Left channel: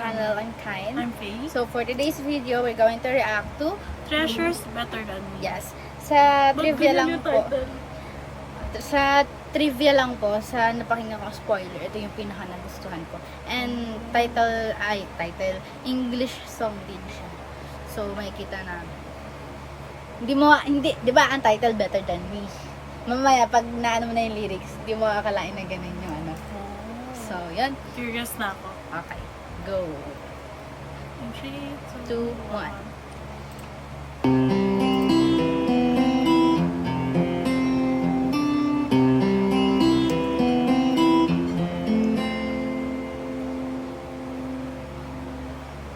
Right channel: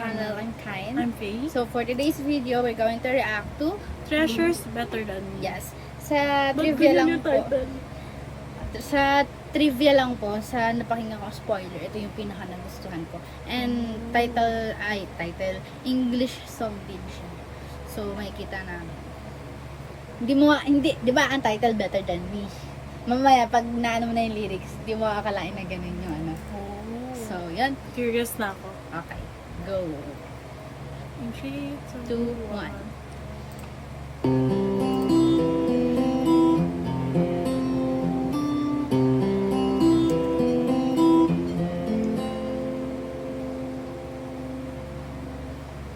channel. I'm Tyne. I'm Faye. So for today's video, we're going to react to Treasures Better Than Me. yes. Sa trivia lang po. Sa trivia lang po, sa napakinggan ko spoiler, ito yung pinaka nagustuhan ko. And title, English song din siya. So makikita namin. Hindi, di ba ang title Better Than Me? Mamaya, pag naano mo na yung lyrics, di mo akalain na ganun yung ano. So, yan. Curious na ako. Okay, go. In 3, 2, 2, 1. 1.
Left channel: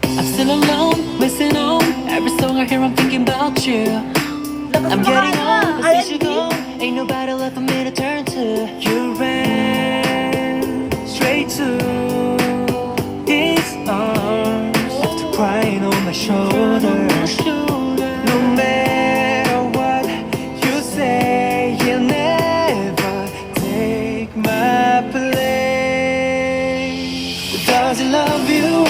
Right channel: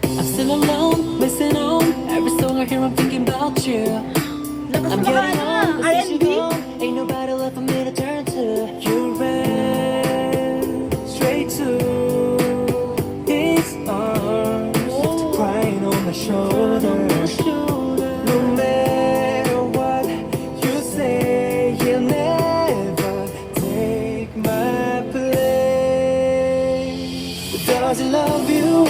I'm still alone, missing on every song I hear. I'm thinking about you. I'm getting old, but since you go, ain't nobody left for me to turn to. You ran straight to his arms, after crying on my shoulder. No matter what you say, you'll never take my place. Does he love you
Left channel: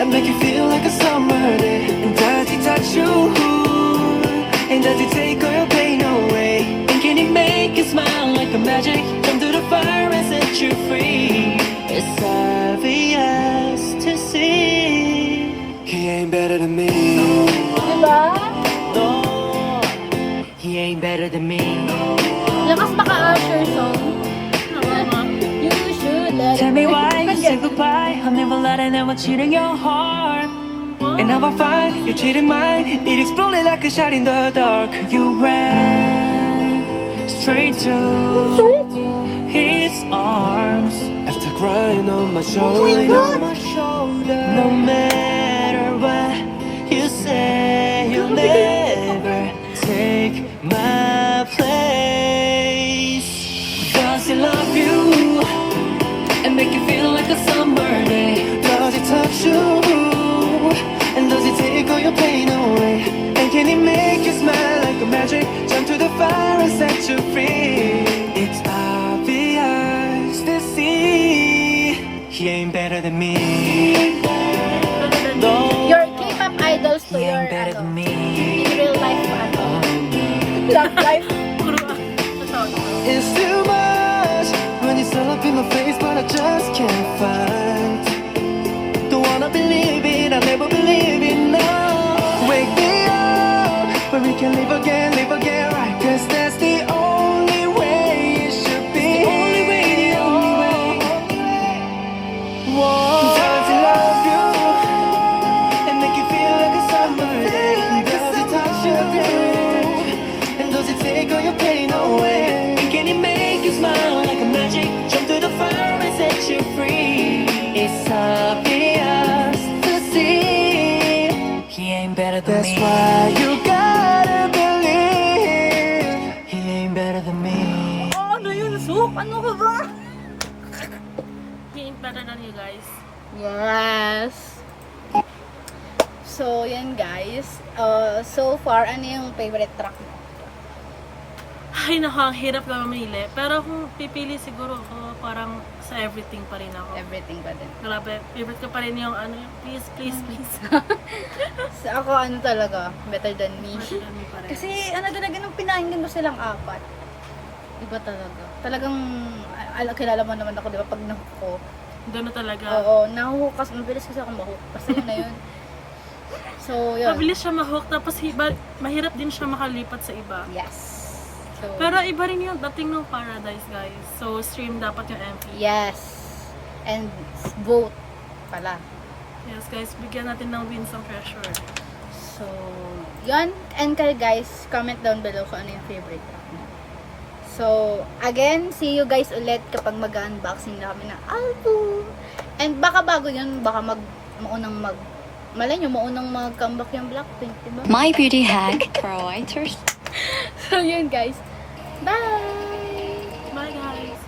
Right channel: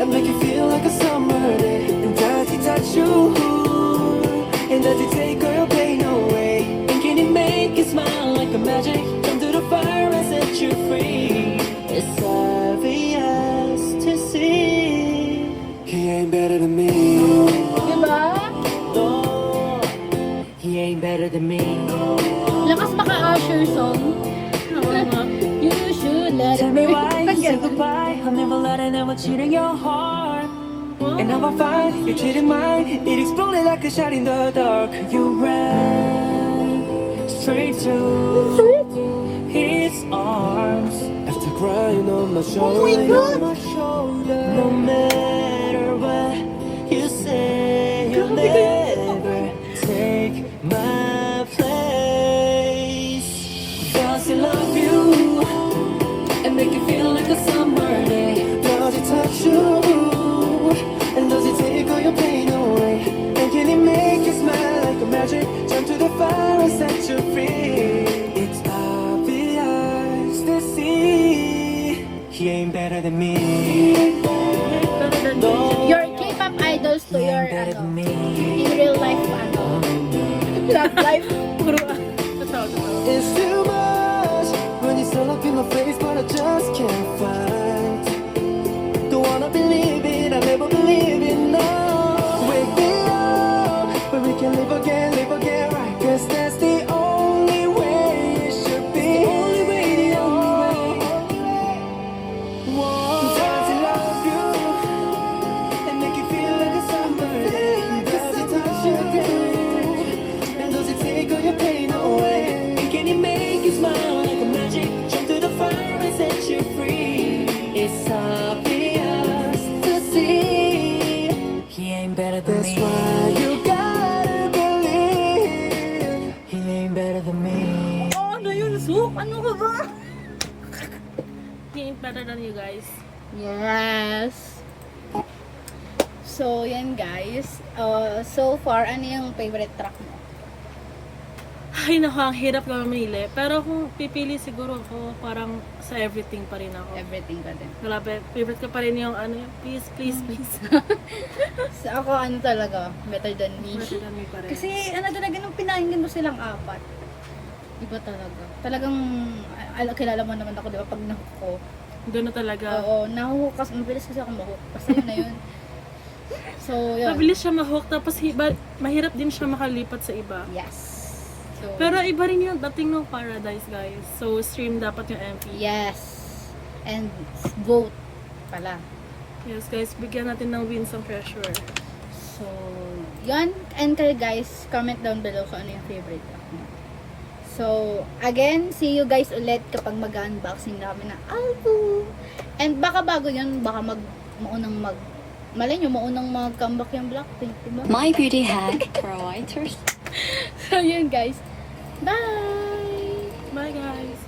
and make you feel like a summer day? And does he touch you? And does he take all your pain away? And can he make you smile like a magic? Come through the fire and set you free. It's obvious to see he ain't better than me. Diba? No, he ain't better than me. Lakas maka-Usher song. You should let Tell me why you Ang say ganda. goodbye. I'll never let anyone cheat on your heart. And now I find you're cheating mine. It exploded like a shot in the dark. You ran straight to his arms after crying on my shoulder. No matter what you say, you'll never take my place. Does he love you and make you feel like a summer day? Does he touch you? And does he take all your pain away? And can he make you smile like a magic? Jump to the fire and set you free. It's obvious to see he ain't better than me. No, Your K-pop idols to he your ain't better ano, than me. in real life love life. Puro totoo. It's too much when you're still up in my face, but I just can't fight. Don't wanna believe it, I'll never believe it now. Wake me up, but we can live again, right? 'Cause that's the only way it should be. The only way. Whoa. Does he love you and make you feel like a summer day? Does he touch you? And does he take all your pain away? And can he make you smile like a magic? Jump to the fire and set you free. It's obvious to see he ain't better than me. That's why you gotta believe he ain't better than me. Oh, ano yun, Sook? Ano ka ba? He ain't better than you guys. Yes. So, yan guys. So far, ano yung favorite track mo? Ay, naku, ang hirap na mamili. Pero kung pipili siguro ako, parang sa everything pa rin ako. Everything ba din? Grabe, favorite ko pa rin yung ano yung please, please, please. So, ako ano talaga, Better Than Me. Better than me pa rin. Kasi ano talaga nung pinakinggan mo silang apat. Iba talaga. Talagang, kilala mo naman ako, di ba? Pag nahuko. Doon na talaga. Oo, nahuko kasi, mabilis kasi ako mahuko. Kasi yun na yun. So, yun. Mabilis siya ma-hook, tapos mahirap din siya makalipat sa iba. Yes. So, Pero iba rin yung dating ng Paradise, guys. So, stream dapat yung MP. yes. And vote pala. Yes, guys. Bigyan natin ng wins ang Treasure. So, yun. And kayo guys, comment down below kung ano yung favorite track mo. So, again, see you guys ulit kapag mag-unboxing na kami ng album. And baka bago yun, baka malay nyo, maunang mag-comeback yung Blackpink, diba? My beauty hack for whiters. So, yun guys. Bye! Bye, guys!